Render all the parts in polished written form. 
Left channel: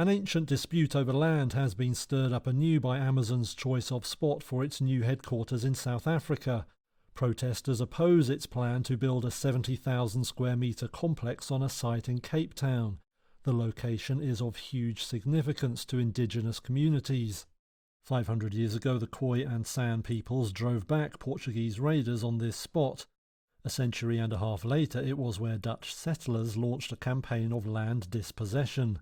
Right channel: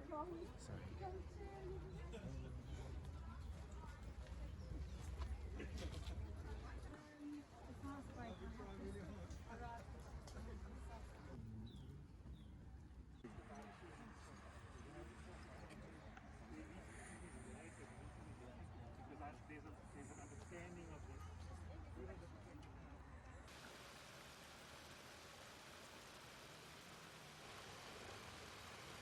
An ancient dispute over land has been stirred up anew by Amazon's choice of spot for its new headquarters in South Africa. Protesters oppose its plan to build a 70,000 square metre complex on a site in Cape Town. The location is of huge significance to indigenous communities. 500 years ago, the Khoi and San peoples drove back Portuguese raiders on this spot. A century and a half later, it was where Dutch settlers launched a campaign of land dispossession.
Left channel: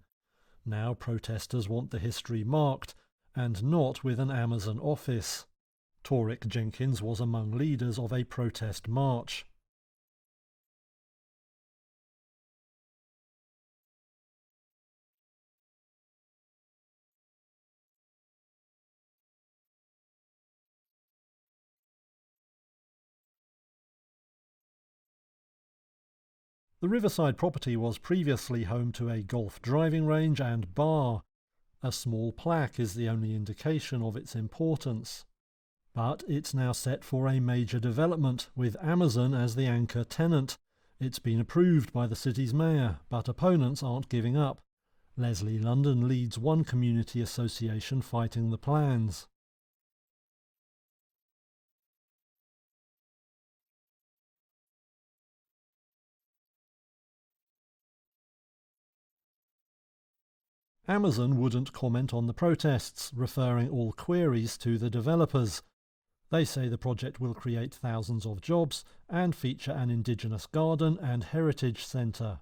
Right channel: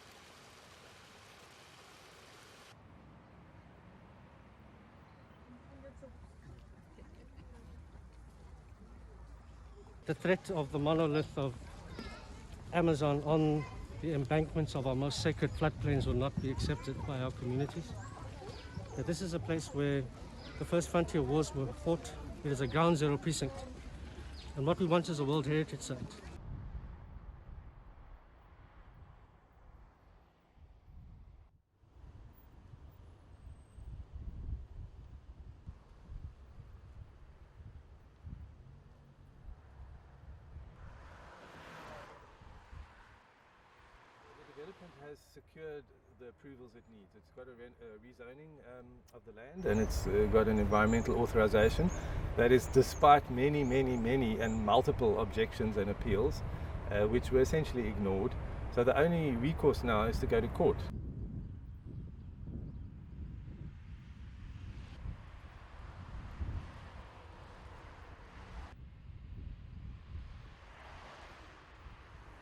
Now protesters want the history marked, and not with an Amazon office. Torek Jenkins was among leaders of a protest march. The threat of the monolith of Amazon on the embankments of our most sacred floodplains will not be accepted by our communities. That this is a place where the first frontier wars were fought. It is a ground zero precinct. And what we want is a World Heritage Site. The riverside property was previously home to a golf driving range and bar. A small plaque is the only indication of its importance. But it's now set for a major development, with Amazon as the anchor tenant. It's been approved by the city's mayor, but opponents aren't giving up. Leslie London leads one community association fighting the plans. And it's got an environmental authorization. That is despite many and multiple objections and appeals, which were essentially ignored. So the only recourse now is to go to court. Amazon wouldn't comment on the protests, referring all queries to the developers. They say the project will create thousands of jobs and feature an indigenous garden and heritage centre.